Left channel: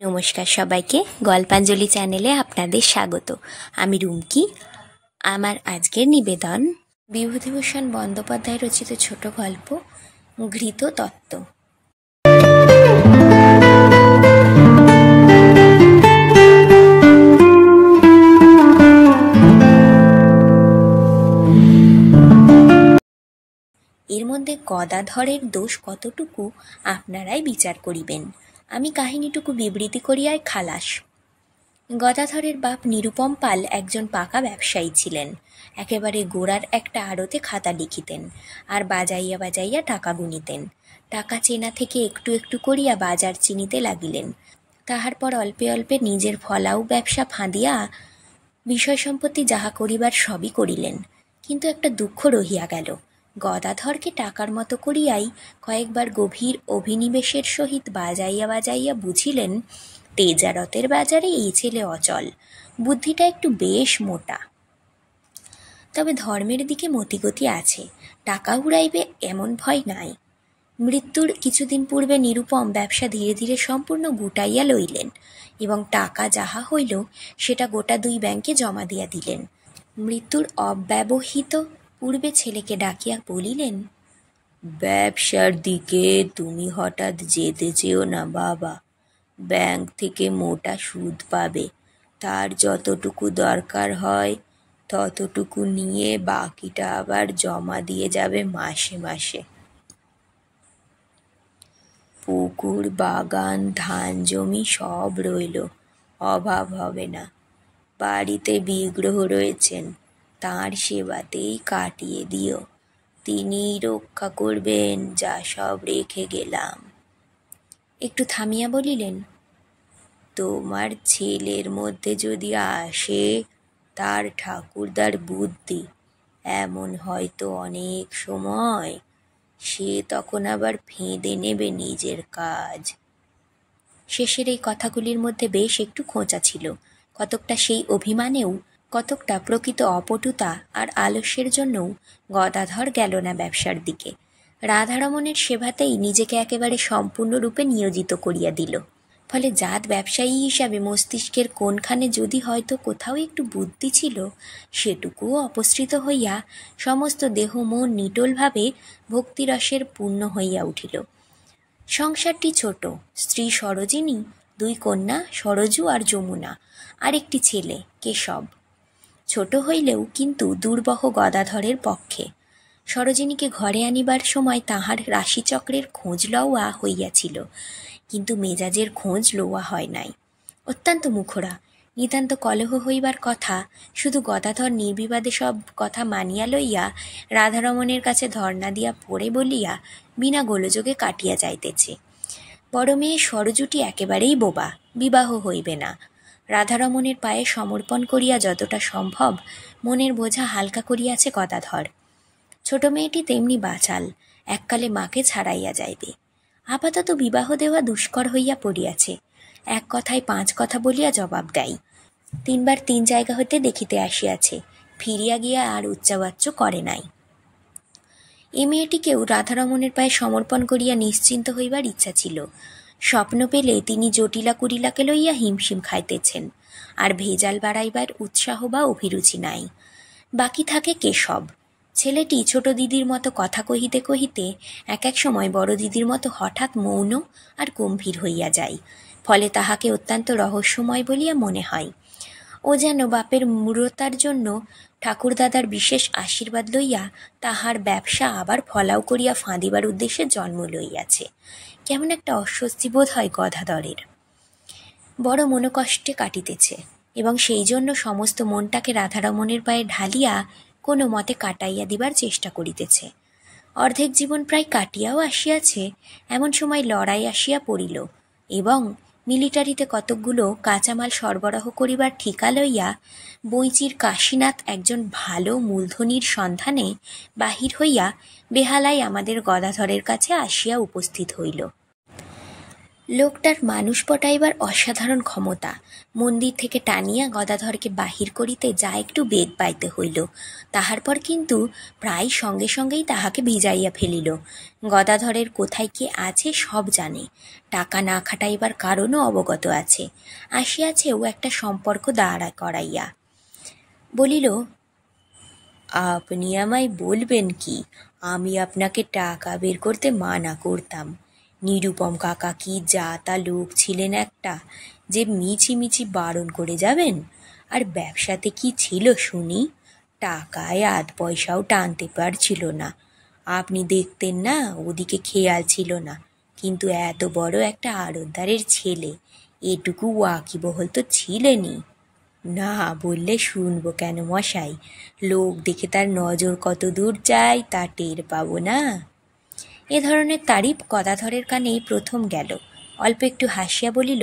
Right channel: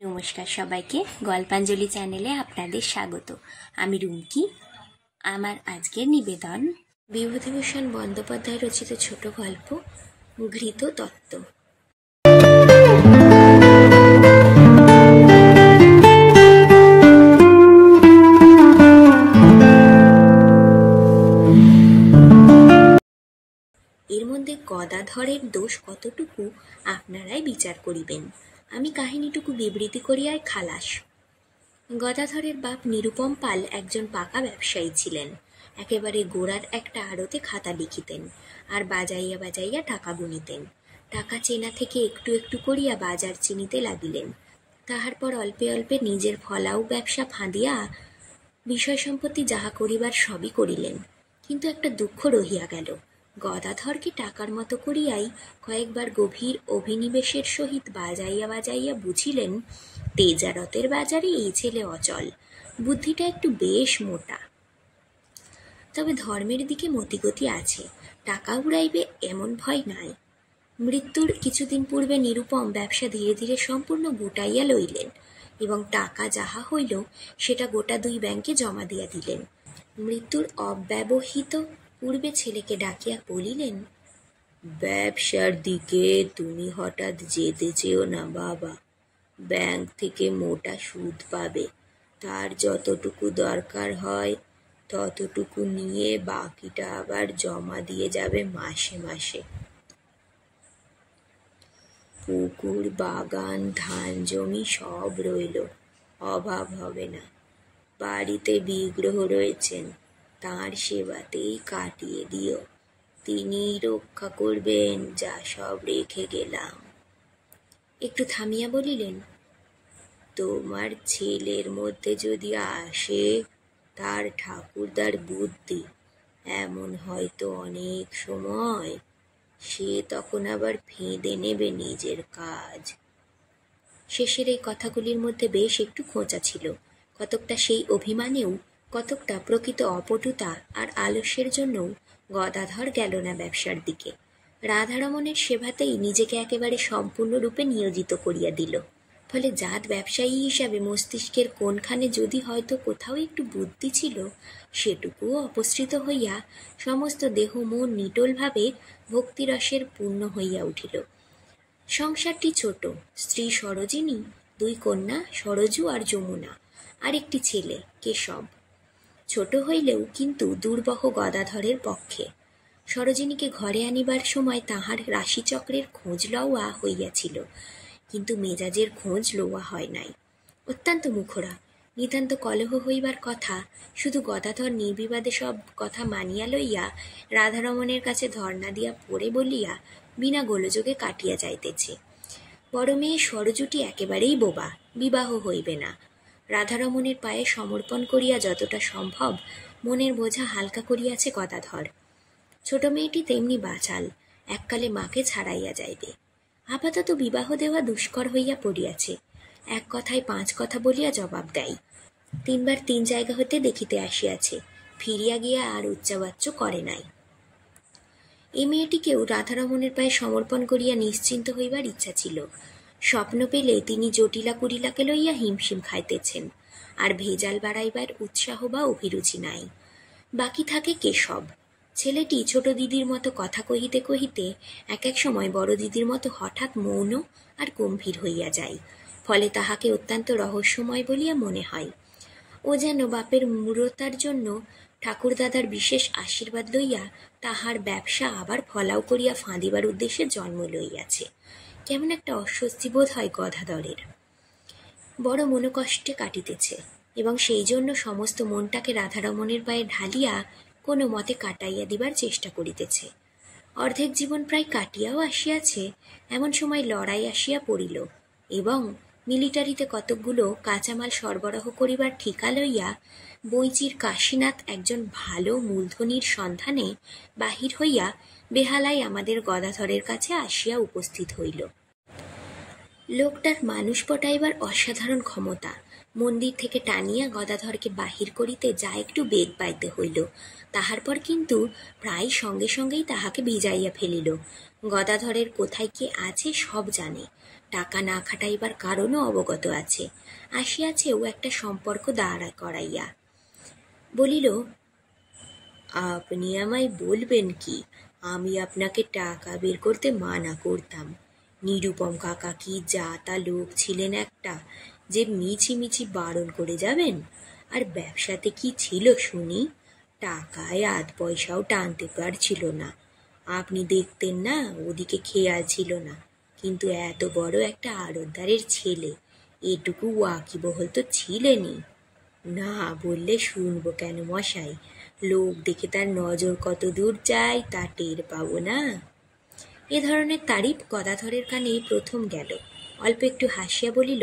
নমস্কার সবাইকে, গল্পাঞ্জলি চ্যানেলে আপনাদের স্বাগত। আমি রুমকি। আমার আজকের নিবেদন বিভূতিভূষণ বন্দ্যোপাধ্যায় রচিত ছোট গল্প ঘৃত তত্ত্ব। এর মধ্যে গদাধরের দোষ কতটুকু আপনারাই বিচার করিবেন। আমি কাহিনীটুকু বিবৃতি করিয়াই খালাস। গদাধরের বাপ নিরুপম পাল একজন পাকা ব্যবসায়ী ছিলেন। একেবারে গোড়ার একটা আড়তে খাতা লিখিতেন, আর বাজাইয়া বাজাইয়া টাকা গুনিতেন। টাকা চেনা থেকে একটু একটু করিয়া বাজার চিনিতে লাগিলেন। তাহার পর অল্পে অল্পে নিজের ফলাও ব্যবসা ফাঁদিয়া বিষয় সম্পত্তি যাহা করিবার সবই করিলেন। কিন্তু একটা দুঃখ রহিয়া গেল। গদাধরকে টাকার মতো করিয়াই কয়েকবার গভীর অভিনিবেশের সহিত বাজাইয়া বাজাইয়া বুঝিলেন তেজারতের বাজারে এই ছেলে অচল, বুদ্ধিটা একটু বেশ মোটা। তবে ধর্মের দিকে মতিগতি আছে, টাকা উড়াইবে এমন ভয় নাই। মৃত্যুর কিছুদিন পূর্বে নিরুপম ব্যবসা ধীরে ধীরে সম্পূর্ণ গুটাইয়া লইলেন এবং টাকা যাহা হইল সেটা গোটা 2 ব্যাংকে জমা দিয়া দিলেন। মৃত্যুর অব্যবহিত পূর্বে ছেলেকে ডাকিয়া বলিলেন, ব্যবসার দিকে তুমি হঠাৎ যেতে চেও না বাবা। ব্যাংক থেকে মোটা সুদ পাবে, তার যতটুকু দরকার হয় ততটুকু নিয়ে বাকিটা আবার জমা দিয়ে যাবে মাসে মাসে। পুকুর, বাগান, ধান জমি সব রইল, অভাব হবে না। বাড়িতে বিগ্রহ রয়েছেন, তাঁর সেবাতেই কাটিয়ে দিও, তিনিই রক্ষা করবেন যা সব রেখে গেলাম। একটু থামিয়া বলিলেন, তোমার ছেলের মধ্যে যদি আসে তার ঠাকুরদার বুদ্ধি, এমন হয়তো অনেক সময় সে তখন আবার ফেঁদে নেবে নিজের কাজ। শেষের এই কথাগুলির মধ্যে বেশ একটু খোঁচা ছিল, কতকটা সেই অভিমানেও, কতকটা প্রকৃত অপটুতা আর আলস্যের জন্যও গদাধর গেল না ব্যবসার দিকে। রাধারমণের সেবাতেই নিজেকে একেবারে সম্পূর্ণরূপে নিয়োজিত করিয়া দিল। ফলে জাত ব্যবসায়ী হিসাবে মস্তিষ্কের কোনখানে যদি হয়তো কোথাও একটু বুদ্ধি ছিল, সেটুকুও অপসৃত হইয়া সমস্ত দেহ মন নিটোলভাবে ভক্তিরসের পূর্ণ হইয়া উঠিল। সংসারটি ছোট, স্ত্রী সরোজিনী, 2 কন্যা সরজু আর যমুনা, আর একটি ছেলে কেশব। ছোট হইলেও কিন্তু দুর্বহ গদাধরের পক্ষে। সরোজিনীকে ঘরে আনিবার সময় তাহার রাশিচক্রের খোঁজ লওয়া হইয়াছিল, কিন্তু মেজাজের খোঁজ লওয়া হয় নাই। অত্যন্ত মুখরা, নিতান্ত কলহ হইবার কথা, শুধু গদাধর নির্বিবাদে সব কথা মানিয়া লইয়া রাধারমণের কাছে ধর্ণা দিয়া পড়ে বলিয়া বিনা গোলযোগে কাটিয়া যাইতেছে। বড় মেয়ে সরজুটি একেবারেই বোবা, বিবাহ হইবে না। রাধারমণের পায়ে সমর্পণ করিয়া যতটা সম্ভব মনের বোঝা হালকা করিয়াছে গদাধর। ছোট মেয়েটি তেমনি বাচাল, এককালে মাকে ছাড়াইয়া যাইবে। আপাতত বিবাহ দেওয়া দুষ্কর হইয়া পড়িয়াছে। এক কথায় 5 কথা বলিয়া জবাব দেয়। 3 বার 3 জায়গা হইতে দেখিতে আসিয়াছে, ফিরিয়া গিয়া আর উচ্চাবাচ্য করে নাই। এ মেয়েটিকেও রাধারমণের পায়ে সমর্পণ করিয়া নিশ্চিন্ত হইবার ইচ্ছা ছিল। স্বপ্ন পেলে তিনি জটিলা কুটিলাকে লইয়া হিমশিম খাইতেছেন, আর ভেজাল বাড়াইবার উৎসাহ বা অভিরুচি নাই। বাকি থাকে কেশব। ছেলেটি ছোট দিদির মতো কথা কহিতে কহিতে এক এক সময় বড় দিদির মতো হঠাৎ মৌন আর গম্ভীর হইয়া যায়, ফলে তাহাকে অত্যন্ত রহস্যময় বলিয়া মনে হয়। ও যেন বাপের মূঢ়তার জন্য ঠাকুরদাদার বিশেষ আশীর্বাদ লইয়া তাহার ব্যবসা আবার ফলাও করিয়া ফাঁদিবার উদ্দেশ্যে জন্ম লইয়াছে। কেমন একটা অস্বস্তি বোধ হয় গদাধরের। বড় মনোকষ্টে কাটিতেছে, এবং সেই জন্য সমস্ত মনটাকে রাধারমণের পায়ে ঢালিয়া কোনো মতে কাটাইয়া দিবার চেষ্টা করিতেছে। অর্ধেক জীবন প্রায় কাটিয়াও আসিয়াছে, এমন সময় লড়াই আসিয়া পড়িল, এবং মিলিটারিতে কতকগুলো কাঁচামাল সরবরাহ করিবার ঠিকা লইয়া বইচির কাশীনাথ একজন ভালো মূলধনীর সন্ধানে বাহির হইয়া বেহালায় আমাদের গদাধরের কাছে আসিয়া উপস্থিত হইল। লোকটার মানুষ পটাইবার অসাধারণ ক্ষমতা। মন্দির থেকে টানিয়া গদাধরকে বাহির করিতে যা একটু বেগ পাইতে হইল, তাহার পর কিন্তু প্রায় সঙ্গে সঙ্গেই তাহাকে ভিজাইয়া ফেলিল। গদাধরের কোথায় কি আছে সব জানে, টাকা না খাটাইবার কারণও অবগত আছে। আসিয়াছে ও একটা সম্পর্ক দাঁড়া করাইয়া। বলিল, আপনি আমায় বলবেন কি আমি আপনাকে টাকা বের করতে মানা করতাম? নিরুপম কাকা কি যা তা লোক ছিলেন একটা, যে মিছি মিছি বারণ করে যাবেন? আর ব্যবসাতে কি ছিল শুনি? টাকায় আধ পয়সাও টানতে পারছিল না। আপনি দেখতেন না, ওদিকে খেয়াল ছিল না। কিন্তু এত বড় একটা আড়তদারের ছেলে, এটুকু ওয়াকিবহল তো ছিলেনই। না বললে শুনবো কেন মশাই? লোক দেখে তার নজর কত দূর যায় তা টের পাবো না? এ ধরনের তারিফ গদাধরের কানেই প্রথম গেল। অল্প একটু হাসিয়া বলিল,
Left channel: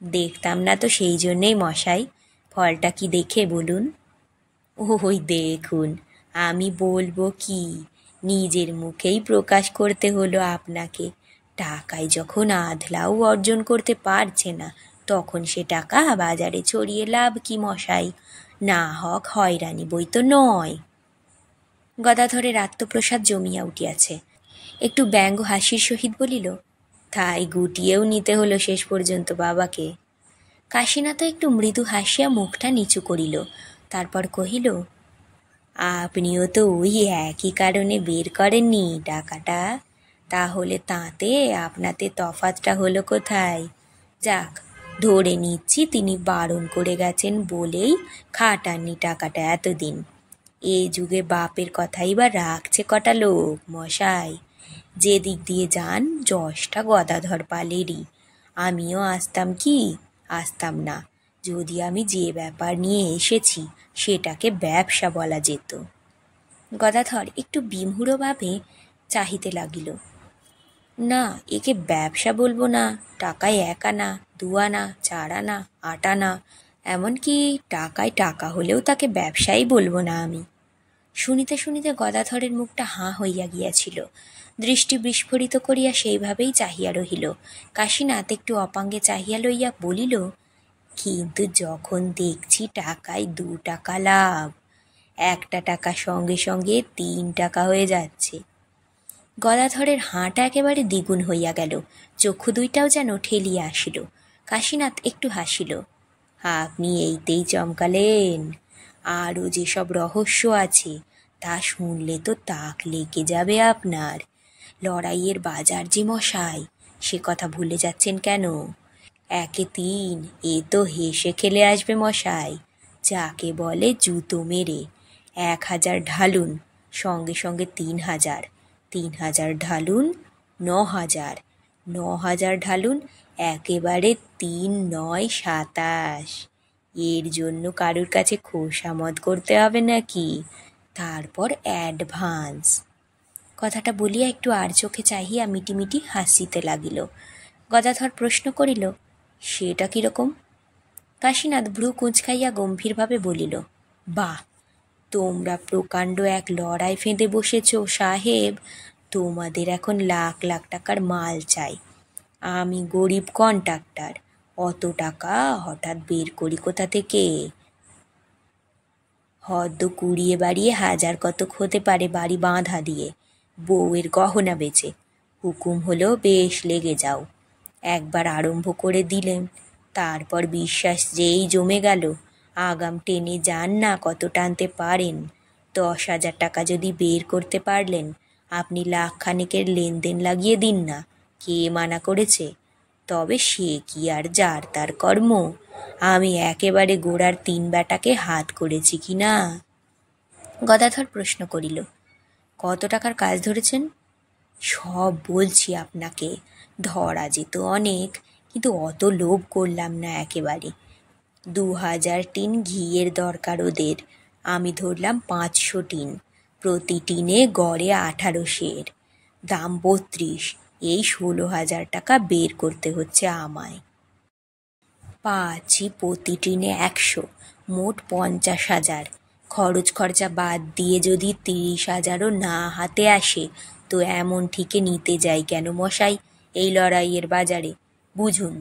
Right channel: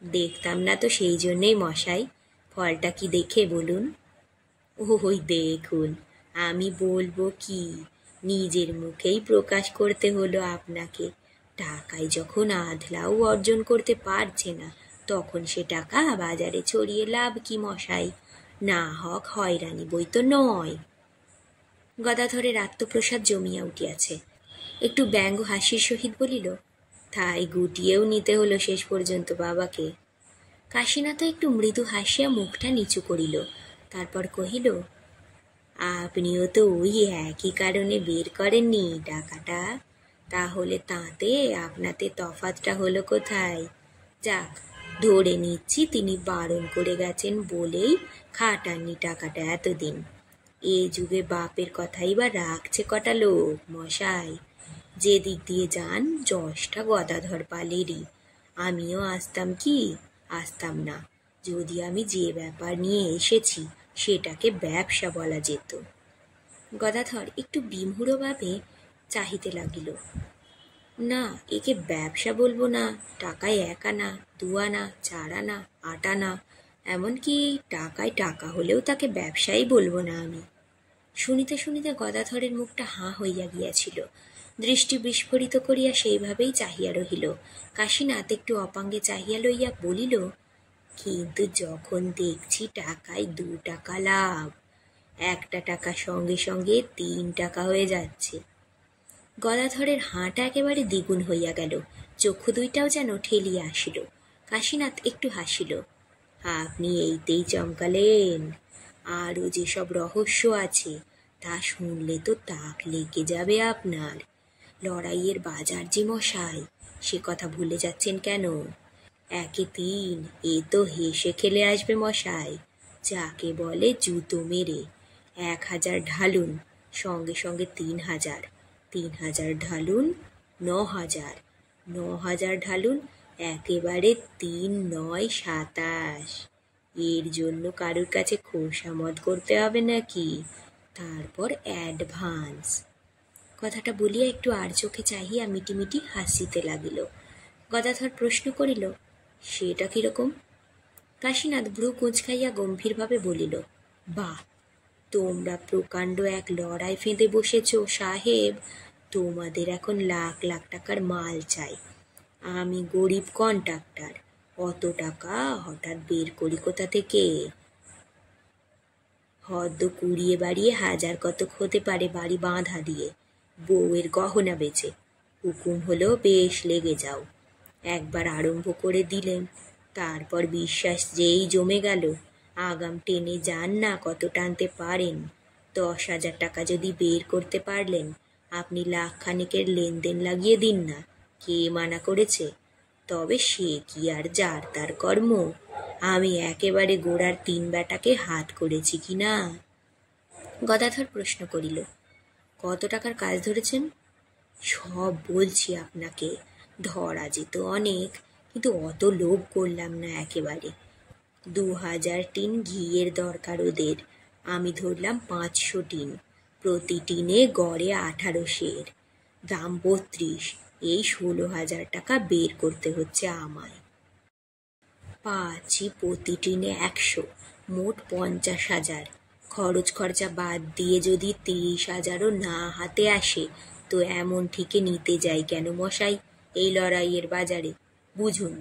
দেখতাম না তো সেই জন্যেই মশাই। ফলটা কি দেখে বলুন? ওই দেখুন, আমি বলবো কি, নিজের মুখেই প্রকাশ করতে হলো আপনাকে। টাকায় যখন আধলাও অর্জন করতে পারছে না, তখন সে টাকা বাজারে ছড়িয়ে লাভ কি মশাই? না হক হয়রানি বই তো নয়। গদাধরের আত্মপ্রসাদ জমিয়া উঠিয়াছে। একটু ব্যঙ্গ হাসির সহিত বলিল, তাই গুটিয়েও নিতে হলো শেষ পর্যন্ত বাবাকে। কাশীনাথ একটু মৃদু হাসিয়া মুখটা নিচু করিল, তারপর কহিল, আপনিও তো ওই একই কারণে বের করেননি টাকাটা। তাহলে তাতে আপনাতে তফাতটা হলো কোথায়? যাক, ধরে নিচ্ছি তিনি বারণ করে গেছেন বলেই খাটাননি টাকাটা এতদিন। এই যুগে বাপের কথাই বা রাখছে কটা লোক মশাই? যে দিক দিয়ে যান যশটা গদাধর পালেরই। আমিও আসতাম কি? আসতাম না, যদি আমি যে ব্যাপার নিয়ে এসেছি সেটাকে ব্যবসা বলা যেত। গদাধর একটু বিমূঢ়ভাবে চাহিতে লাগিল। না, একে ব্যবসা বলবো না। টাকায় 1 আনা, 2 আনা, 4 আনা, 8 আনা, এমনকি টাকায় টাকা হলেও তাকে ব্যবসাই বলবো না আমি। শুনিতে শুনিতে গদাধরের মুখটা হাঁ হইয়া গিয়াছিল। দৃষ্টি বিস্ফোরিত করিয়া সেইভাবেই চাহিয়া রহিল। কাশীনাথ একটু অপাঙ্গে চাহিয়া লইয়া বলিল, কিন্তু যখন দেখছি টাকায় 2 টাকা লাভ, একটা টাকা সঙ্গে সঙ্গে 3 টাকা হয়ে যাচ্ছে। গদাধরের হাঁটা একেবারে দ্বিগুণ হইয়া গেল, চক্ষু দুইটাও যেন ঠেলিয়া আসিল। কাশীনাথ একটু হাসিল। আপনি এইতেই চমকালেন? আরও যেসব রহস্য আছে তা শুনলে তো তাক লেগে যাবে আপনার। লড়াইয়ের বাজার যে মশাই, সে কথা ভুলে যাচ্ছেন কেন? 1-এ 3, এ তো হেসে খেলে আসবে মশাই। যাকে বলে জুতো মেরে। 1000 ঢালুন, সঙ্গে সঙ্গে 3000, 3000 ঢালুন 9000, 9000 ঢালুন একেবারে 3-9-27। এর জন্য কারুর কাছে খোশামদ করতে হবে নাকি? তারপর অ্যাডভান্স। কথাটা বলিয়া একটু আর চোখে চাহিয়া মিটিমিটি হাসিতে লাগিল। গদাধর প্রশ্ন করিল, সেটা কিরকম? কাশীনাথ ভ্রু কুঁচকাইয়া গম্ভীরভাবে বলিল, বাহ, তোমরা প্রকাণ্ড এক লড়াই ফেঁদে বসেছ সাহেব। তোমাদের এখন লাখ লাখ টাকার মাল চাই। আমি গরিব কন্ট্রাক্টর, অত টাকা হঠাৎ বের করি কোথা থেকে? হয়তো কুড়িয়ে বাড়িয়ে 1000 কতক হতে পারে বাড়ি বাঁধা দিয়ে, বউয়ের গহনা বেচে। হুকুম হলো বেশ লেগে যাও। একবার আরম্ভ করে দিলেন, তারপর বিশ্বাস যেই জমে গেল, আগাম টেনে যান না কত টানতে পারেন। 10,000 টাকা যদি বের করতে পারলেন, আপনি লাখখানেকের লেনদেন লাগিয়ে দিন না, কে মানা করেছে? তবে সে কি আর যার তার কর্ম। আমি একেবারে গোড়ার 3 বেটাকে হাত করেছি কি না? গদাধর প্রশ্ন করিল, কত টাকার কাজ ধরেছেন? সব বলছি আপনাকে। ধরা যেত অনেক, কিন্তু অত লোভ করলাম না একেবারে। 2000 টিন ঘিয়ের দরকার ওদের। আমি ধরলাম 500 টিন, প্রতি টিনে গড়ে 18 সের, দাম 32। এই 16,000 টাকা বের করতে হচ্ছে আমায়। পাচ্ছি প্রতি টিনে 100, মোট 50,000। খরচ খরচা বাদ দিয়ে যদি 30,000ও না হাতে আসে, তো এমন ঠিকে নিতে যাই কেন মশাই? এই লড়াইয়ের বাজারে। বুঝুন,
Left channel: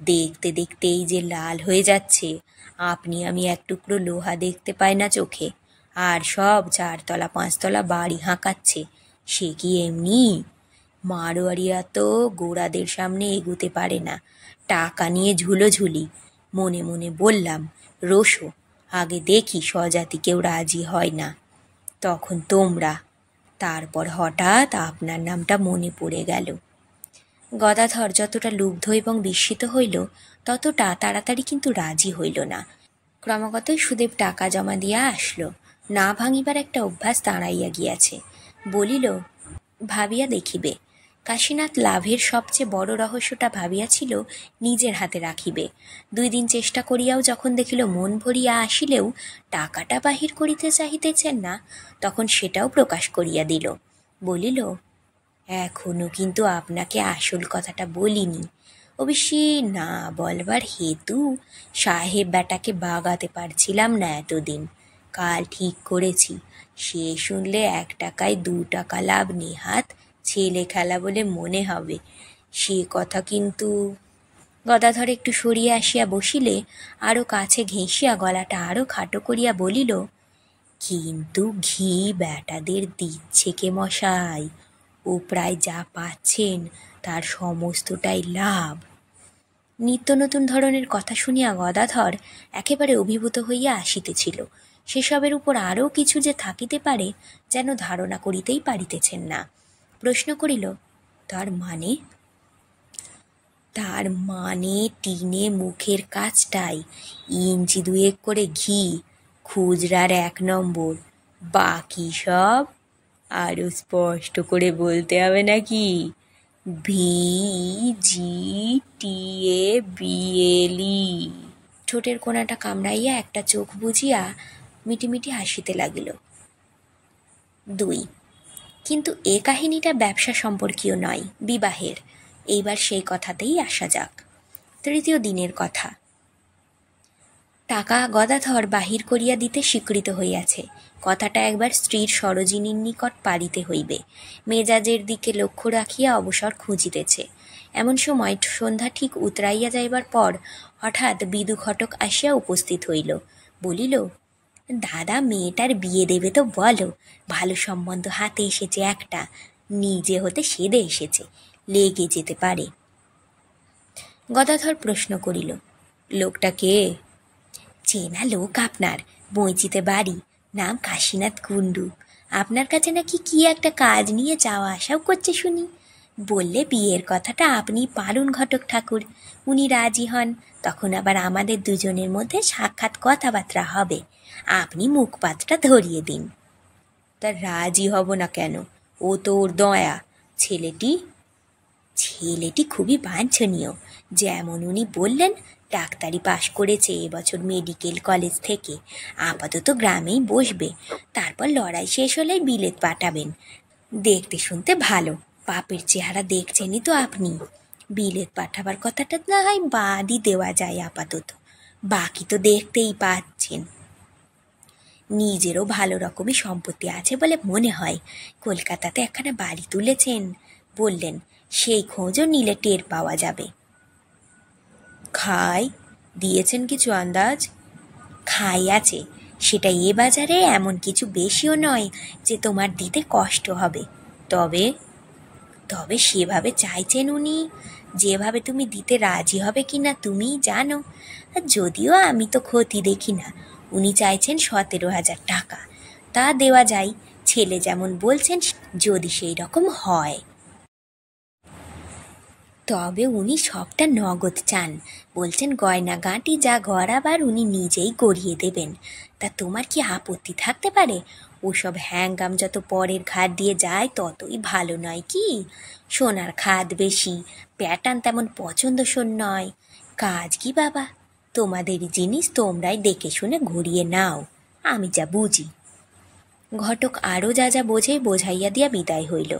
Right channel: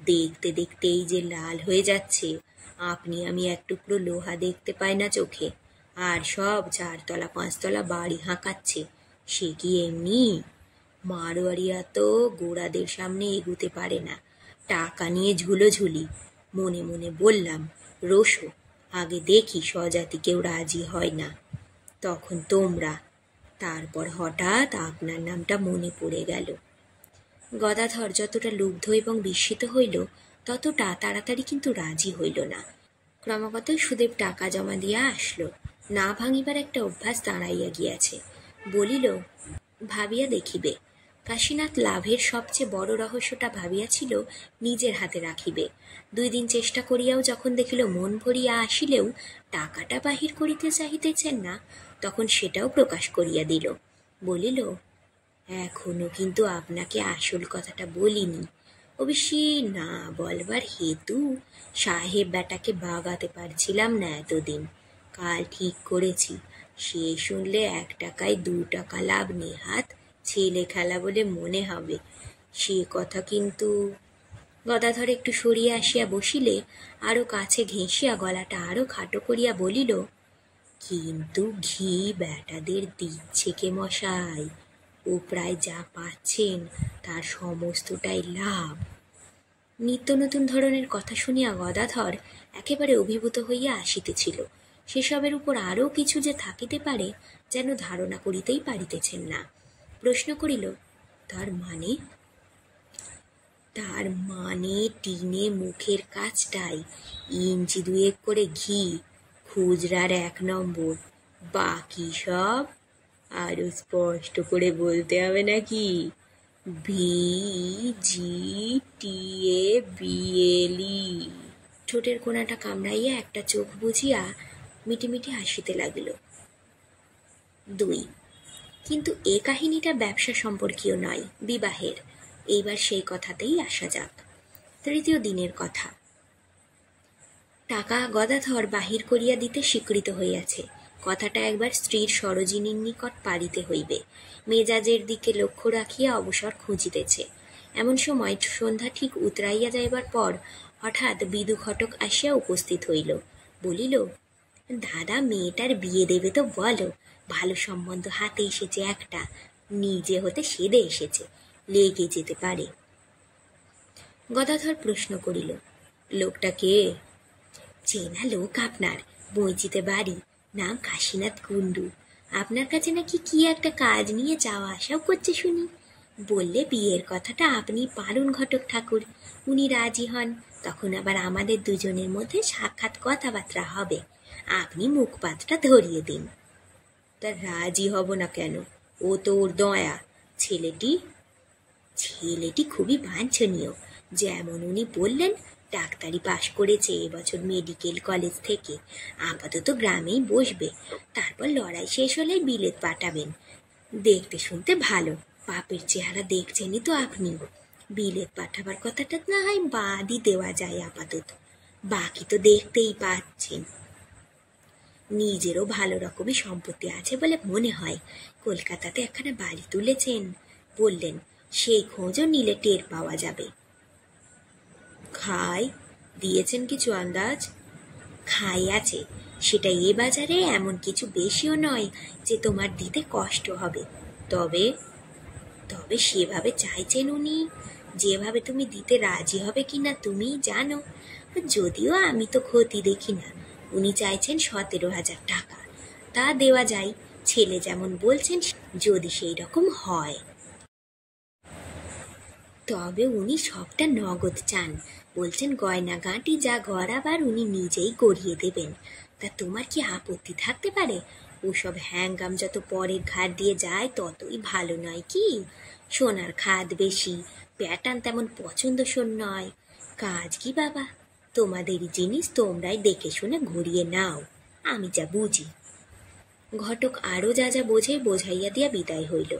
দেখতে দেখতেই যে লাল হয়ে যাচ্ছে। আপনি আমি এক টুকরো লোহা দেখতে পাই না চোখে, আর সব 4 তলা 5 তলা বাড়ি হাঁকাচ্ছে। সে কি এমনি? মারোয়ারিরা তো গোড়াদের সামনে এগুতে পারে না, টাকা নিয়ে ঝুলোঝুলি। মনে মনে বললাম, রোসো, আগে দেখি স্বজাতি কেউ রাজি হয় না, তখন তোমরা। তারপর হঠাৎ আপনার নামটা মনে পড়ে গেল। গদাধর যতটা লুব্ধ এবং বিস্মিত হইল, ততটা তাড়াতাড়ি কিন্তু রাজি হইল না। ক্রমাগতই সুদেব টাকা জমা দিয়া আসলো। না ভাঙিবার একটা অভ্যাস দাঁড়াইয়া গিয়াছে। বলিল, ভাবিয়া দেখিবে। কাশীনাথ লাভের সবচেয়ে বড় রহস্যটা ভাবিয়াছিল নিজের হাতে রাখিবে। 2 দিন চেষ্টা করিয়াও যখন দেখিল মন ভরিয়া আসিলেও টাকাটা বাহির করিতে চাহিতেছেন না, তখন সেটাও প্রকাশ করিয়া দিল। বলিল, এখনো কিন্তু আপনাকে আসল কথাটা বলিনি। অবশ্যই না বলবার হেতু, সাহেব বেটাকে বাগাতে পারছিলাম না এতদিন। কাল ঠিক করেছি, সে শুনলে 1 টাকায় 2 টাকা লাভ নেহাত ছেলে খেলা বলে মনে হবে। সে কথা কিন্তু। গদাধর একটু সরিয়ে আসিয়া বসিলে আরও কাছে ঘেঁষিয়া গলাটা আরও খাটো করিয়া বলিল, কিন্তু ঘি বেটাদের দিচ্ছে কে মশাই? ও প্রায় যা পাচ্ছেন তার সমস্তটাই লাভ। নিত্য নতুন ধরনের কথা শুনিয়া গদাধর একেবারে অভিভূত হইয়া আসিতেছিল। সেসবের উপর আরও কিছু যে থাকিতে পারে যেন ধারণা করিতেই পারিতেছেন না। প্রশ্ন করিল, তার মানে? তার মানে টিনে মুখের কাজটাই, ইঞ্চি 2 করে ঘি, খুচরার 1 নম্বর, বাকি সব আরো স্পষ্ট করে বলতে হবে নাকি? VGTABLE। ঠোঁটের কোণাটা কামড়াইয়া একটা চোখ বুজিয়া মিটিমিটি হাসিতে লাগিল। 2, কিন্তু এ কাহিনীটা ব্যবসা সম্পর্কীয় নয়, বিবাহের। এইবার সেই কথাতেই আসা যাক। 3য় দিনের কথা। টাকা গদাধর বাহির করিয়া দিতে স্বীকৃত হইয়াছে। কথাটা একবার স্ত্রীর সরোজিনীর নিকট পাড়িতে হইবে। মেজাজের দিকে লক্ষ্য রাখিয়া অবসর খুঁজিতেছে। এমন সময় সন্ধ্যা ঠিক উতরাইয়া যাইবার পর হঠাৎ বিদু ঘটক আসিয়া উপস্থিত হইল। বলিল, দাদা, মেয়েটার বিয়ে দেবে তো বলো। ভালো সম্বন্ধ হাতে এসেছে একটা, নিজে হতে সেদে এসেছে, লেগে যেতে পারে। গদাধর প্রশ্ন করিল, লোকটা কে? চেনা লোক আপনার, বইচিতে বাড়ি, নাম কাশীনাথ কুণ্ডু। আপনার কাছে নাকি কি একটা কাজ নিয়ে যাওয়া আসাও করছে শুনি। বললে বিয়ের কথাটা আপনি পালুন ঘটক ঠাকুর। উনি রাজি হন, তখন আবার আমাদের দুজনের মধ্যে সাক্ষাৎ কথাবার্তা হবে। আপনি মুখপাতটা ধরিয়ে দিন। তা রাজি হব না কেন? ও তো ওর দয়া। ছেলেটি খুবই বাঞ্ছনীয়। যেমন উনি বললেন, ডাক্তারি পাশ করেছে এবছর মেডিকেল কলেজ থেকে। আপাতত গ্রামেই বসবে, তারপর লড়াই শেষ হলেই বিলেত পাঠাবেন। দেখতে শুনতে ভালো, বাপের চেহারা দেখছেনই তো আপনি। বিলেত পাঠাবার কথাটা না হয় বাদই দেওয়া যায় আপাতত, বাকি তো দেখতেই পাচ্ছেন। নিজেরও ভালো রকমই সম্পত্তি আছে বলে মনে হয়। কলকাতাতে একখানা বাড়ি তুলেছেন বললেন, সেই খোঁজও নিলে টের পাওয়া যাবে। খাই দিয়েছেন কিছু আন্দাজ? খাই আছে, সেটা এ বাজারে এমন কিছু বেশিও নয় যে তোমার দিতে কষ্ট হবে। তবে তবে সেভাবে চাইছেন উনি, যেভাবে তুমি দিতে রাজি হবে কিনা তুমিই জানো। আর যদিও আমি তো ক্ষতি দেখি না। উনি চাইছেন 17,000 টাকা। তা দেওয়া যায়, ছেলে যেমন বলছেন, যদি সেই রকম হয়। তবে উনি সবটা নগদ চান। বলছেন গয়না গাঁটি যা গড়াবার উনি নিজেই গড়িয়ে দেবেন। তা তোমার কি আপত্তি থাকতে পারে? ওসব হ্যাঙ্গাম যত পরের ঘাট দিয়ে যায় ততই ভালো নয় কি? সোনার খাদ বেশি, প্যাটার্ন তেমন পছন্দসই নয়। কাজ কি বাবা, তোমাদেরই জিনিস, তোমরাই দেখে শুনে ঘুরিয়ে নাও, আমি যা বুঝি। ঘটক আরও যা যা বোঝে বোঝাইয়া দিয়া বিদায় হইল।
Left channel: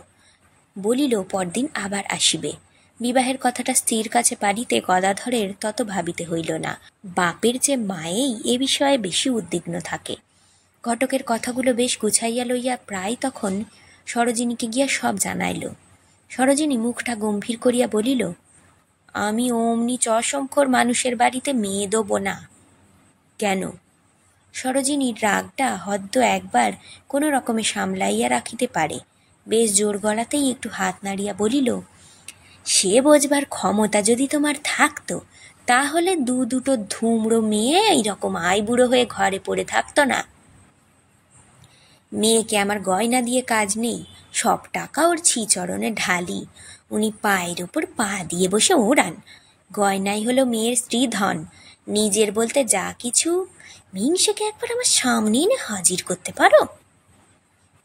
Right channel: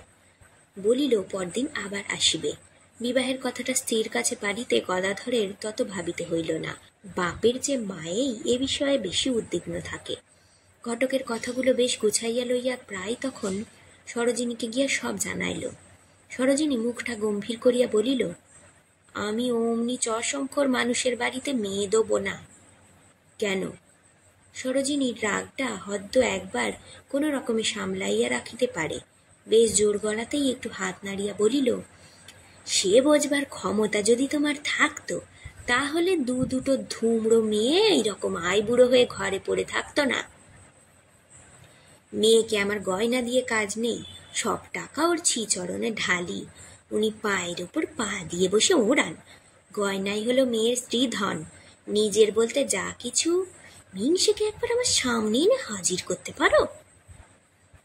বলিল, পরদিন আবার আসিবে। বিবাহের কথাটা স্ত্রীর কাছে পাড়িতে গদাধরের তত ভাবিতে হইল না। বাপের যে মায়েই এ বিষয়ে বেশি উদ্বিগ্ন থাকে। ঘটকের কথাগুলো বেশ গুছাইয়া লইয়া প্রায় তখন সরোজিনীকে গিয়া সব জানাইল। সরোজিনী মুখটা গম্ভীর করিয়া বলিল, আমি অমনি চশমখোর মানুষের বাড়িতে মেয়ে দেব না। কেন? সরোজিনীর রাগটা হদ্দ একবার কোনো রকমে সামলাইয়া রাখিতে পারে। বেশ জোর গলাতেই একটু হাত নাড়িয়া বলিল, সে বোঝবার ক্ষমতা যদি তোমার থাকতো তাহলে দুটো ধুমড়ো মেয়ে এইরকম আইবুড়ো হয়ে ঘরে পড়ে থাকতো না। মেয়েকে আমার গয়না দিয়ে কাজ নেই, সব টাকা ওর ছিচরণে ঢালি, উনি পায়ের ওপর পা দিয়ে বসে ওড়ান। গয়নাই হলো মেয়ের স্ত্রী ধন, নিজের বলতে যা কিছু। মিংসেকে একবার আমার সামনে এনে হাজির করতে পারো?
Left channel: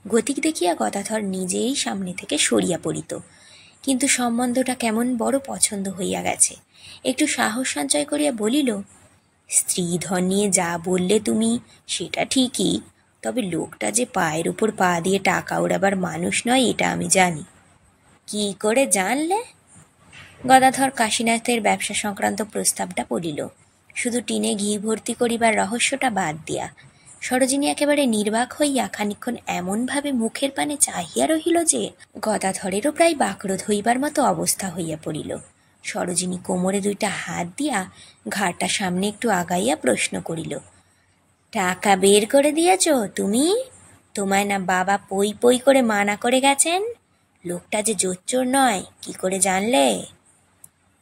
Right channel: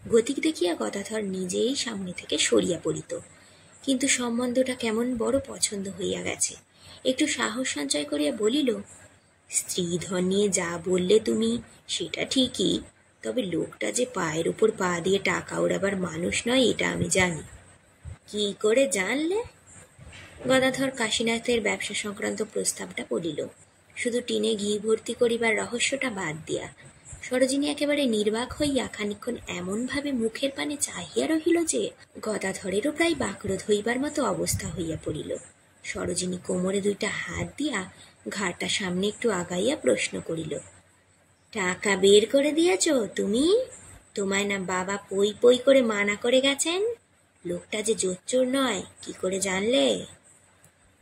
গতিক দেখিয়া গদাধর নিজেই সামনে থেকে সরিয়া পড়িত, কিন্তু সম্বন্ধটা কেমন বড় পছন্দ হইয়া গেছে। একটু সাহস সঞ্চয় করিয়া বলিল, স্ত্রী ধন নিয়ে যা বললে তুমি সেটা ঠিকই, তবে লোকটা যে পায়ের উপর পা দিয়ে টাকা ওড়াবার মানুষ নয় এটা আমি জানি। কি করে জানলে? গদাধর কাশীনাথের ব্যবসা সংক্রান্ত প্রস্তাবটা বলিল, শুধু টিনে ঘি ভর্তি করিবার রহস্যটা বাদ দিয়া। সরোজিনী একেবারে নির্বাক হইয়া খানিক্ষণ এমনভাবে মুখের পানে চাহিয়া রহিল যে গদাধরেরও প্রায় বাকরোধ হইবার মতো অবস্থা হইয়া পড়িল। সরোজিনী কোমরে দুইটা হাত দিয়া ঘাড়টা সামনে একটু আগাইয়া প্রশ্ন করিল, টাকা বের করে দিয়েছ তুমি? তোমায় না বাবা পই পই করে মানা করে গেছেন? লোকটা যে জোচ্চোর নয় কি করে জানলে?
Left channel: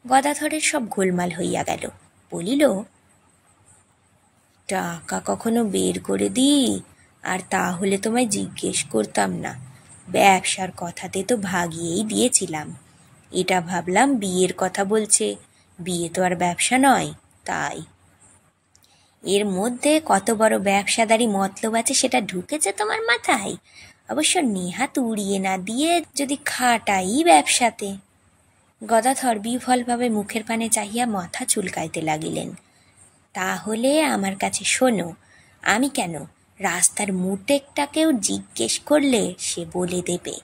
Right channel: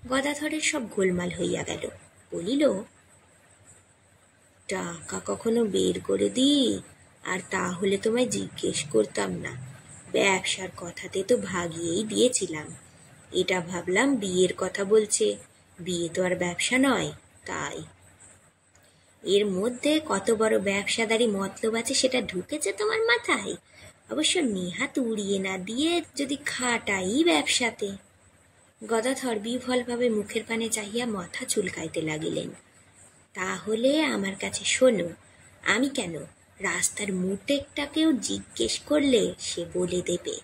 গদাধরের সব গোলমাল হইয়া গেল। বলিল, টাকা কখনো বের করে দিই আর তাহলে তোমায় জিজ্ঞেস করতাম না। ব্যবসার কথাতে তো ভাগিয়েই দিয়েছিলাম। এটা ভাবলাম বিয়ের কথা বলছে, বিয়ে তো আর ব্যবসা নয়, তাই। এর মধ্যে কত বড় ব্যবসাদারি মতলব আছে সেটা ঢুকেছে তোমার মাথায়? অবশ্য নেহাত উড়িয়ে না দিয়ে যদি খাটাই ব্যবসাতে। গদাধর বিফলভাবে মুখের পানে চাহিয়া মাথা চুলকাইতে লাগিলেন। তাহলে আমার কাছে শোনো, আমি কেন, রাস্তার মুটেকটাকেও জিজ্ঞেস করলে সে বলে দেবে।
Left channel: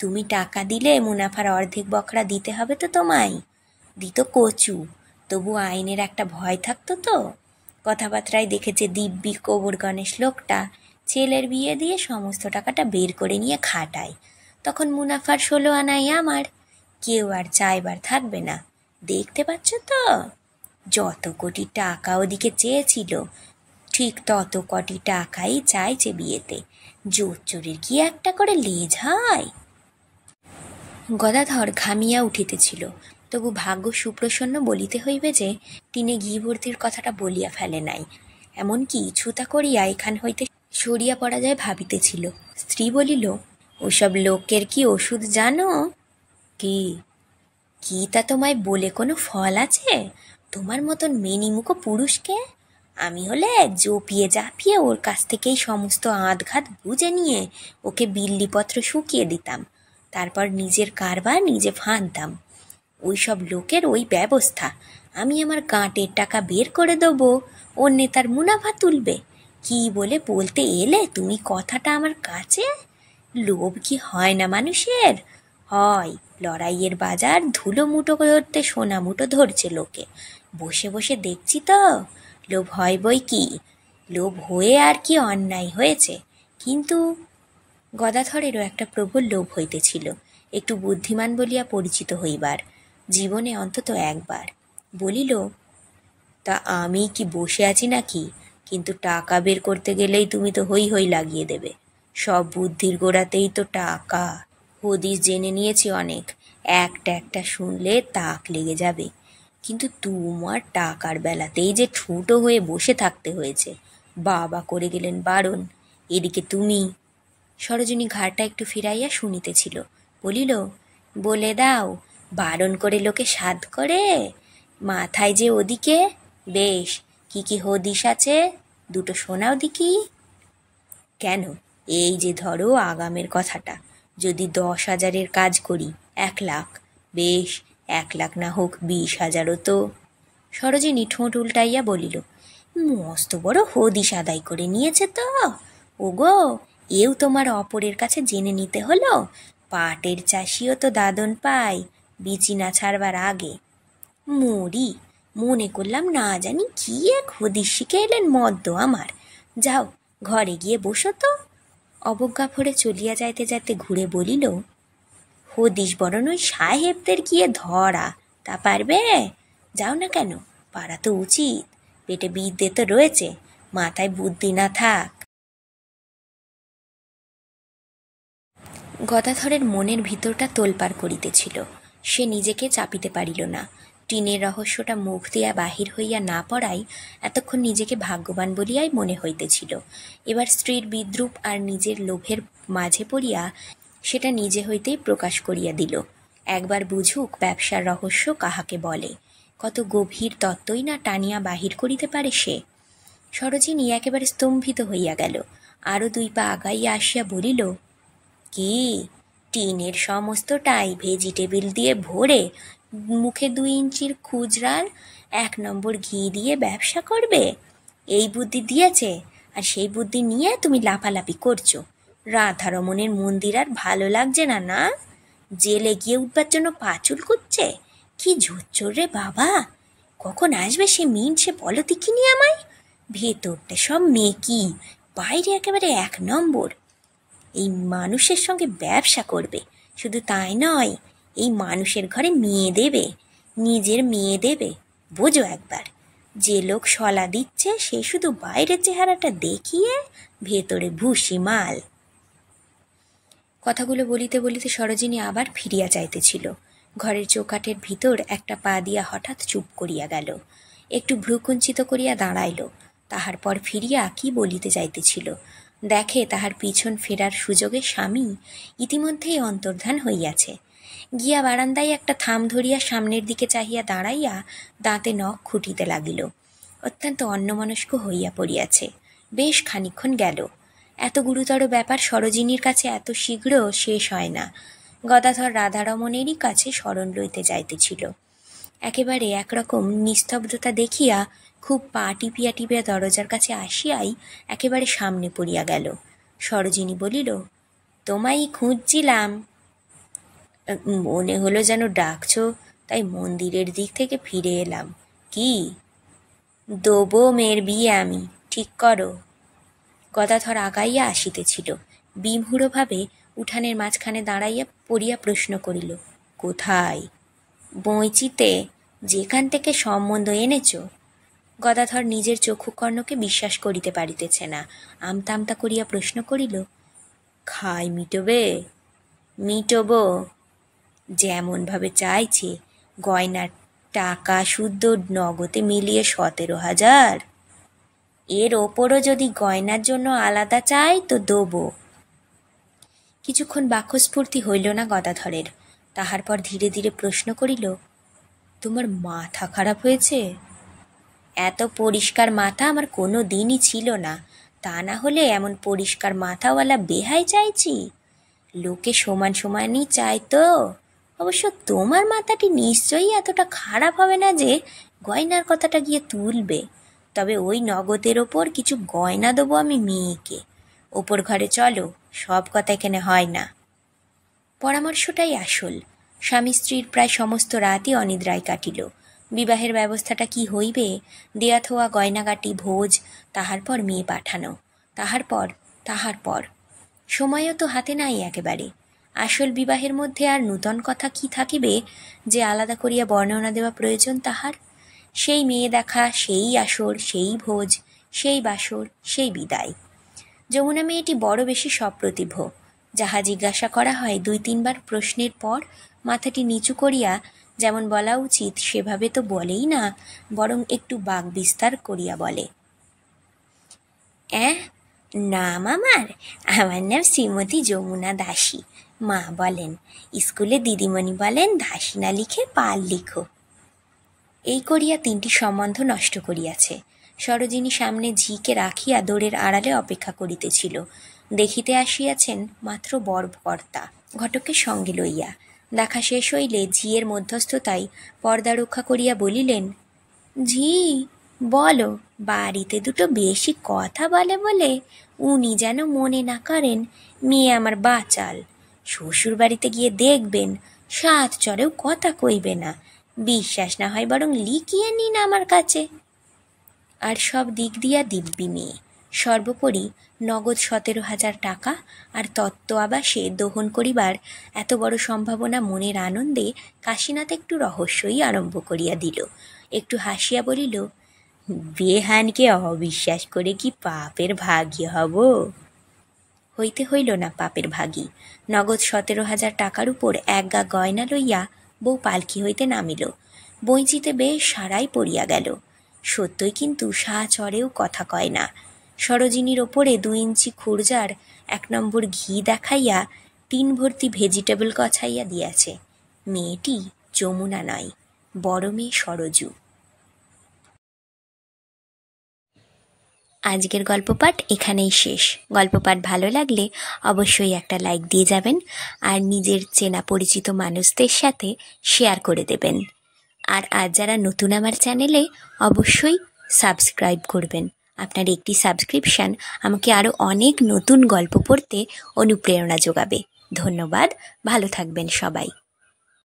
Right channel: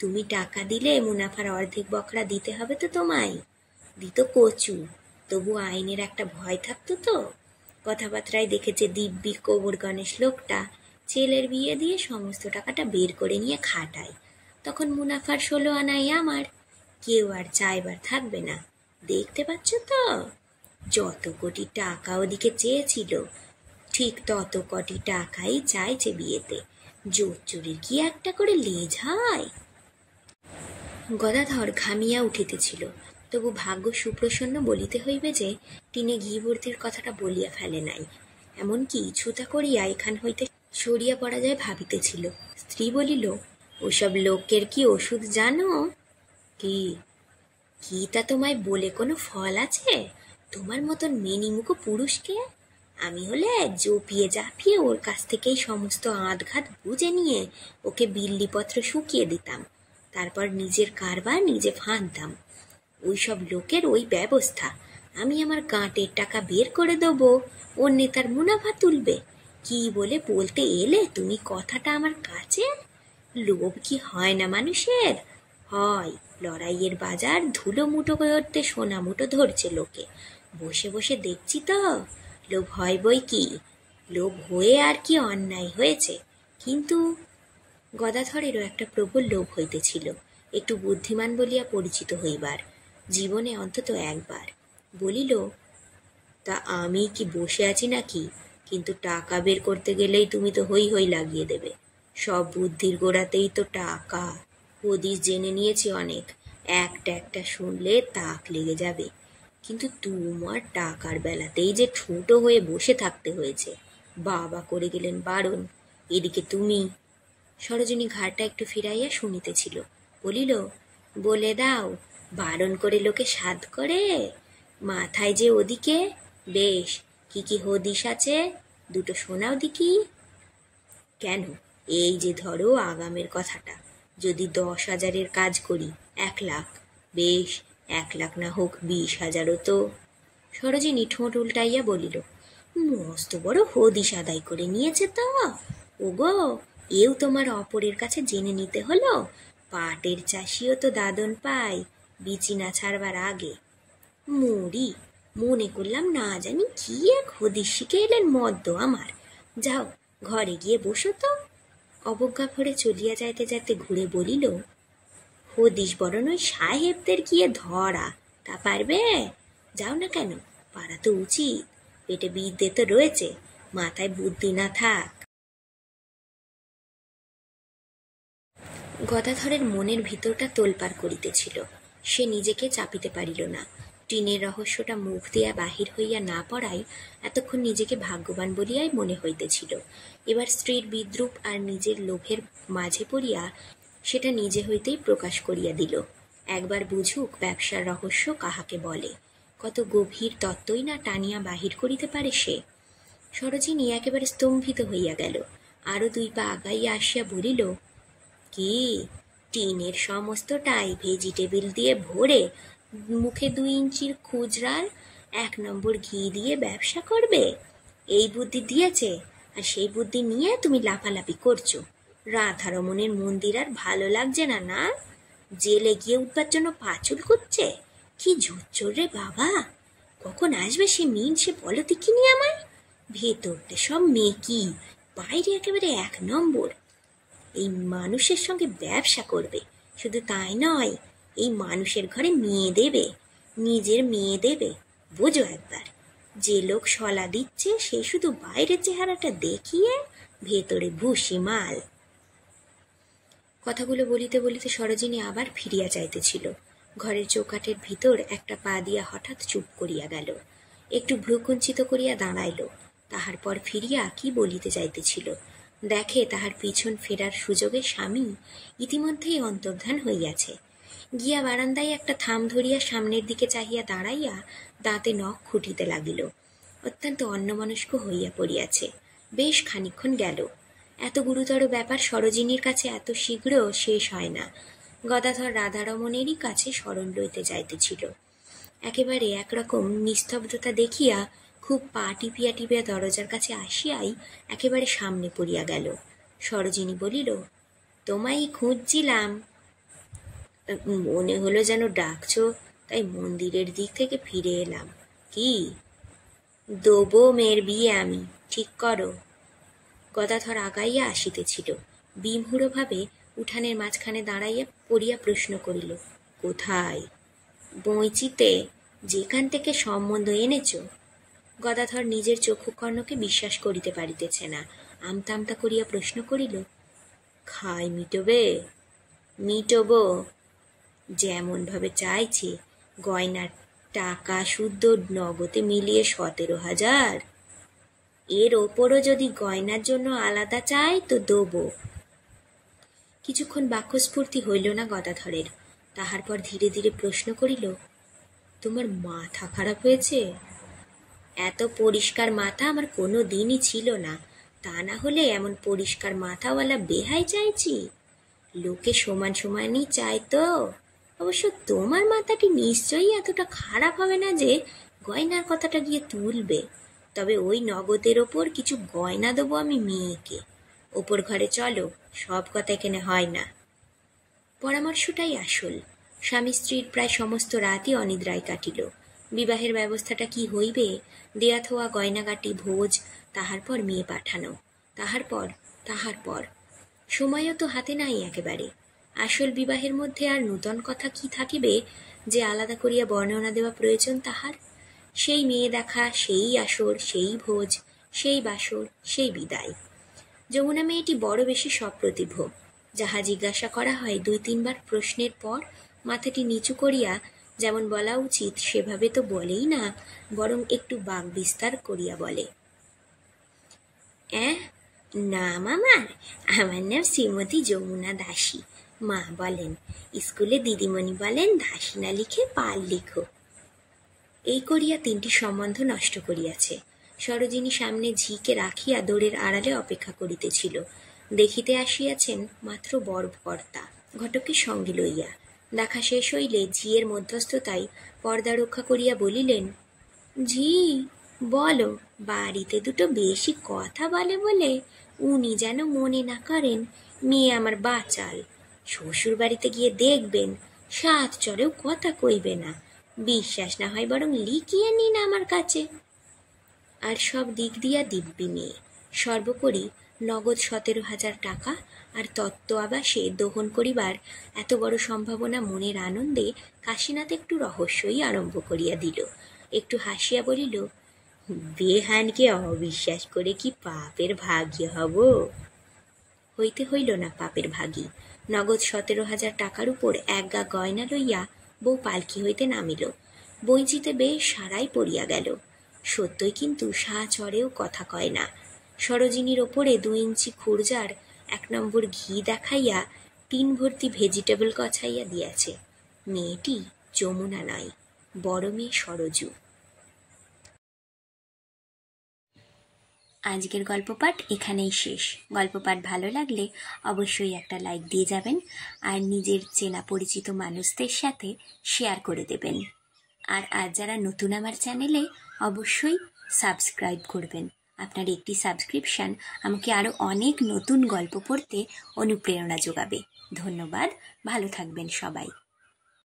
তুমি টাকা দিলে মুনাফার অর্ধেক বকরা দিতে হবে তো তোমায়। দিত কচু, তবু আইনের একটা ভয় থাকতো তো। কথাবার্তায় দেখেছে দিব্যি কবর গণেশ লোকটা ছেলের বিয়ে দিয়ে সমস্ত টাকাটা বের করে নিয়ে খাটায়, তখন মুনাফার 16 আনাই আমার। কেউ আর চাইবার থাকবে না। দেখতে পাচ্ছ তো? যত কোটি টাকা ওদিকে চেয়েছিল ঠিক তত কোটি টাকাই চাইছে বিয়েতে। জোচ্চুরির কি একটা করে লেজ হয়? গদাধর ঘামিয়া উঠিতেছিল, তবু ভাগ্য সুপ্রসন্ন বলিতে হইবে যে টিনে ঘি ভর্তির কথাটা বলিয়া ফেলে নাই। এমনকি ছুতা করিয়া এখান হইতে সরিয়া পড়া যায় ভাবিতেছিল। স্ত্রী বলিল, ওসব লোকের কি ওষুধ জানো? কি? কি তা তোমায় বলে কোনো ফল আছে? তোমার মতন মেনিমুখো পুরুষকে আমি হলে জপিয়ে জাপিয়ে ওর কাছ থেকেই সমস্ত আধঘাত বুঝে নিয়ে ওকে বিল্লিপত্র শুকিয়ে দিতাম, তারপর নিজের কারবার নিজে ফাঁদতাম। ওই সব লোকের ওই ব্যবস্থা। আমি আমার গাঁটের টাকা বের করে দেবো, ওর নেতার মুনাফা তুলবে। কি বলে বলতে এলে তুমি কথাটা আমার কাছে? লোভ কি হয় না মানুষের? হয়। লড়াইয়ের বাজার ধুলো মুঠো ধরতে সোনা মুঠো ধরছে লোকে, বসে বসে দেখছি তো। লোভ হয় বই কি, লোভ হয়ে আর কি অন্যায় হয়েছে? কিন্তু গদাধরেরও একটা প্রবল লোভ হইতেছিল, একটু বুদ্ধিমান বলিয়া পরিচিত হইবার, জীবনে অন্তত একবার। বলিল, তা আমি কি বসে আছি নাকি? কিন্তু টাকা বের করতে গেলেই তুমি তো হই হই লাগিয়ে দেবে। সব বুদ্ধির গোড়াতেই তো টাকা। হদিস জেনে নিয়েছি অনেক, একটা একটা শুনলে তাক লেগে যাবে। কিন্তু তোমার টাকার বেলাতেই যে ঠুঁটো হয়ে বসে থাকতে হয়েছে। বাবা করে গেলেন বারণ, এদিকে তুমি। সরোজিনী ঘাড়টা একটু ফিরাইয়া শুনিতেছিল। বলিল, বলে দাও, বারণ করে লোকে সাধ করে? মাথায় যে ওদিকে। বেশ, কি কি হদিস আছে দুটো শোনাও দেখি। কেন, এই যে ধরো আগামের কথাটা, যদি 10,000-এর কাজ করি 1 লাখ, বেশ 1 লাখ না হোক 20,000ও তো। সরোজিনী ঠোঁট উল্টাইয়া বলিল, মস্ত বড় হদিস আদায় করে নিয়েছে তো। ওগো, এও তোমার অপরের কাছে জেনে নিতে হলো? পাটের চাষিও তো দাদন পায় বিচি না ছাড়বার আগে। মরি, মনে করলাম না জানি কি এক হদিস শিখে এলেন মদ্য আমার। যাও ঘরে গিয়ে বসো তো। অবজ্ঞা ভরে চলিয়া যাইতে যাইতে ঘুরে বলিল, হদিস বরণ ওই সাহেবদের গিয়ে ধরা, তা পারবে? যাও না কেন, পারা তো উচিত, পেটে বিদ্যে তো রয়েছে, মাথায় বুদ্ধি না থাক। গদাধরের মনের ভিতরটা তোলপাড় করিতেছিল, সে নিজেকে চাপিতে পারিল না। টিনের রহস্যটা মুখ দিয়া বাহির হইয়া না পড়াই এতক্ষণ নিজেকে ভাগ্যবান বলিয়াই মনে হইতেছিল। এবার স্ত্রীর বিদ্রূপ আর নিজের লোভের মাঝে পড়িয়া সেটা নিজে হইতেই প্রকাশ করিয়া দিল। একবার বুঝুক ব্যবসার রহস্য কাহাকে বলে, কত গভীর তত্ত্বই না টানিয়া বাহির করিতে পারে সে। সরোজিনী একেবারে স্তম্ভিত হইয়া গেল, আরও 2 পা আগাইয়া আসিয়া বলিল, কি টিনের সমস্তটাই ভেজিটেবিল দিয়ে ভরে মুখে 2 ইঞ্চির খুচরার 1 নম্বর ঘি দিয়ে ব্যবসা করবে? এই বুদ্ধি দিয়েছে, আর সেই বুদ্ধি নিয়ে তুমি লাফালাফি করছো। রাধারমণের মন্দির আর ভালো লাগছে না? না, জেলে গিয়ে উঠবার জন্য পাচুল করছে? কি ঝুচ্চোর রে বাবা! কখন আসবে সে মিন, সে বলো দেখিনি আমায়। ভেতরটা সব মেকি, বাইরে একেবারে 1 নম্বর। এই মানুষের সঙ্গে ব্যবসা করবে, শুধু তাই নয়, এই মানুষের ঘরে মেয়ে দেবে, নিজের মেয়ে দেবে। বোঝো একবার, যে লোক শলা দিচ্ছে সে শুধু বাইরের চেহারাটা দেখিয়ে ভেতরে ভুসি মাল। কথাগুলো বলিতে বলিতে সরোজিনী আবার ফিরিয়া যাইতেছিল। ঘরের চৌকাঠের ভিতর একটা পা দিয়া হঠাৎ চুপ করিয়া গেল, একটু ভ্রুকুঞ্চিত করিয়া দাঁড়াইল। তাহার পর ফিরিয়া কি বলিতে যাইতেছিল, দেখে তাহার পিছন ফেরার সুযোগে স্বামী ইতিমধ্যেই অন্তর্ধান হইয়াছে। গিয়া বারান্দায় একটা থাম ধরিয়া সামনের দিকে চাহিয়া দাঁড়াইয়া দাঁতে নখ খুঁটিতে লাগিল। অত্যন্ত অন্যমনস্ক হইয়া পড়িয়াছে। বেশ খানিক্ষণ গেল। এত গুরুতর ব্যাপার সরোজিনীর কাছে এত শীঘ্র শেষ হয় না। গদাধর রাধারমণেরই কাছে শরণ লইতে যাইতেছিল। একেবারে একরকম নিস্তব্ধতা দেখিয়া খুব পা টিপিয়া টিপিয়া দরজার কাছে আসিয়াই একেবারে সামনে পড়িয়া গেল। সরোজিনী বলিল, তোমায় খুঁজছিলাম। মনে হলো যেন ডাকছো, তাই মন্দিরের দিক থেকে ফিরে এলাম। কি? দেবো মেয়ের বিয়ে আমি, ঠিক করো। গদাধর আগাইয়া আসিতেছিল, বিমূঢ়ভাবে উঠানের মাঝখানে দাঁড়াইয়া পড়িয়া প্রশ্ন করিল, কোথায়? বইচিতে, যেখান থেকে সম্বন্ধ এনেছ। গদাধর নিজের চক্ষুকর্ণকে বিশ্বাস করিতে পারিতেছে না, আমতা আমতা করিয়া প্রশ্ন করিল, খাই মিটবে? মিটব, যেমনভাবে চাইছে। গয়নার টাকা শুদ্ধ নগদে মিলিয়ে 17,000। এর ওপরও যদি গয়নার জন্য আলাদা চাই তো দেবো। কিছুক্ষণ বাক্যস্ফূর্তি হইল না গদাধরের। তাহার পর ধীরে ধীরে প্রশ্ন করিল, তোমার মাথা খারাপ হয়েছে? এত পরিষ্কার মাথা আমার কোনো দিনই ছিল না, তা না হলে এমন পরিষ্কার মাথাওয়ালা বেহাই চাইছি। লোকে সমান সমানই চাই তো। অবশ্য তোমার মাথাটি নিশ্চয়ই এতটা খারাপ হবে না যে গয়নার কথাটা গিয়ে তুলবে। তবে ওই নগদের ওপর কিছু গয়না দেবো আমি মেয়েকে। ওপর ঘরে চলো, সব কথা এখানে হয় না। পরামর্শটাই আসল। স্বামী স্ত্রীর প্রায় সমস্ত রাতই অনিদ্রায় কাটিল। বিবাহের ব্যবস্থাটা কি হইবে, দেয়া থোয়া গয়নাগাটি, ভোজ, তাহার পর মেয়ে পাঠানো, তাহার পর সময়ও তো হাতে নাই একেবারে। আসল বিবাহের মধ্যে আর নূতন কথা কি থাকিবে যে আলাদা করিয়া বর্ণনা দেওয়া প্রয়োজন তাহার? সেই মেয়ে দেখা, সেই আসর, সেই ভোজ, সেই বাসর, সেই বিদায়। যমুনা মেয়েটি বড় বেশি সপ্রতিভ। যাহা জিজ্ঞাসা করা হয় 2-3 বার প্রশ্নের পর মাথাটি নিচু করিয়া, যেমন বলা উচিত সেভাবে তো বলেই না, বরং একটু বাক বিস্তার করিয়া বলে, নাম আমার নাম শ্রীমতী যমুনা দাসী। মা বলেন, স্কুলে দিদিমণি বলেন দাসী না লিখে পাল লিখো। এই করিয়া 3টি সম্বন্ধ নষ্ট করিয়াছে। সরোজিনী সামনে ঝিকে রাখিয়া দোরের আড়ালে অপেক্ষা করিতেছিল। দেখিতে আসিয়াছেন মাত্র বরকর্তা, ঘটককে সঙ্গে লইয়া। দেখা শেষ হইলে ঝিয়ের মধ্যস্থতায় পর্দা রক্ষা করিয়া বলিলেন, ঝি বলো, বাড়িতে দুটো বেশি কথা বলে উনি যেন মনে না করেন মেয়ে আমার বাচাল। শ্বশুর বাড়িতে গিয়ে দেখবেন 7 চরেও কথা কইবে না। বিশ্বাস না হয় বরং লিখিয়ে নিন আমার কাছে। আর সব দিক দিয়া দিব্যি মেয়ে। সর্বোপরি নগদ 17,000 টাকা, আর তত্ত্ব আবাসে দোহন করিবার এত বড় সম্ভাবনা মনের আনন্দে কাশীনাথ একটু রহস্যই আরম্ভ করিয়া দিল। একটু হাসিয়া বলিল, বেহানকে অবিশ্বাস করে কি পাপের ভাগী হব? হইতে হইল না পাপের ভাগী। নগদ 17,000 টাকার উপর একগা গয়না লইয়া বউ পালকি হইতে নামিল। বইচিতে বেশ সারাই পড়িয়া গেল। সত্যই কিন্তু সাচরেও কথা কয় না। সরোজিনীর ওপরে 2 ইঞ্চি খুরজার 1 নম্বর ঘি দেখাইয়া 3 ভর্তি ভেজিটেবল গছাইয়া দিয়াছে। মেয়েটি যমুনা নয়, বড় মেয়ে সরজু। আজকের গল্প পাঠ এখানেই শেষ। গল্প পাঠ ভালো লাগলে অবশ্যই একটা লাইক দিয়ে যাবেন, আর নিজের চেনা পরিচিত মানুষদের সাথে শেয়ার করে দেবেন। আর আজ যারা নতুন আমার চ্যানেলে, অবশ্যই সাবস্ক্রাইব করবেন। আপনার একটি সাবস্ক্রিপশান আমাকে আরও অনেক নতুন গল্প পড়তে অনুপ্রেরণা যোগাবে। ধন্যবাদ, ভালো থাকবেন সবাই।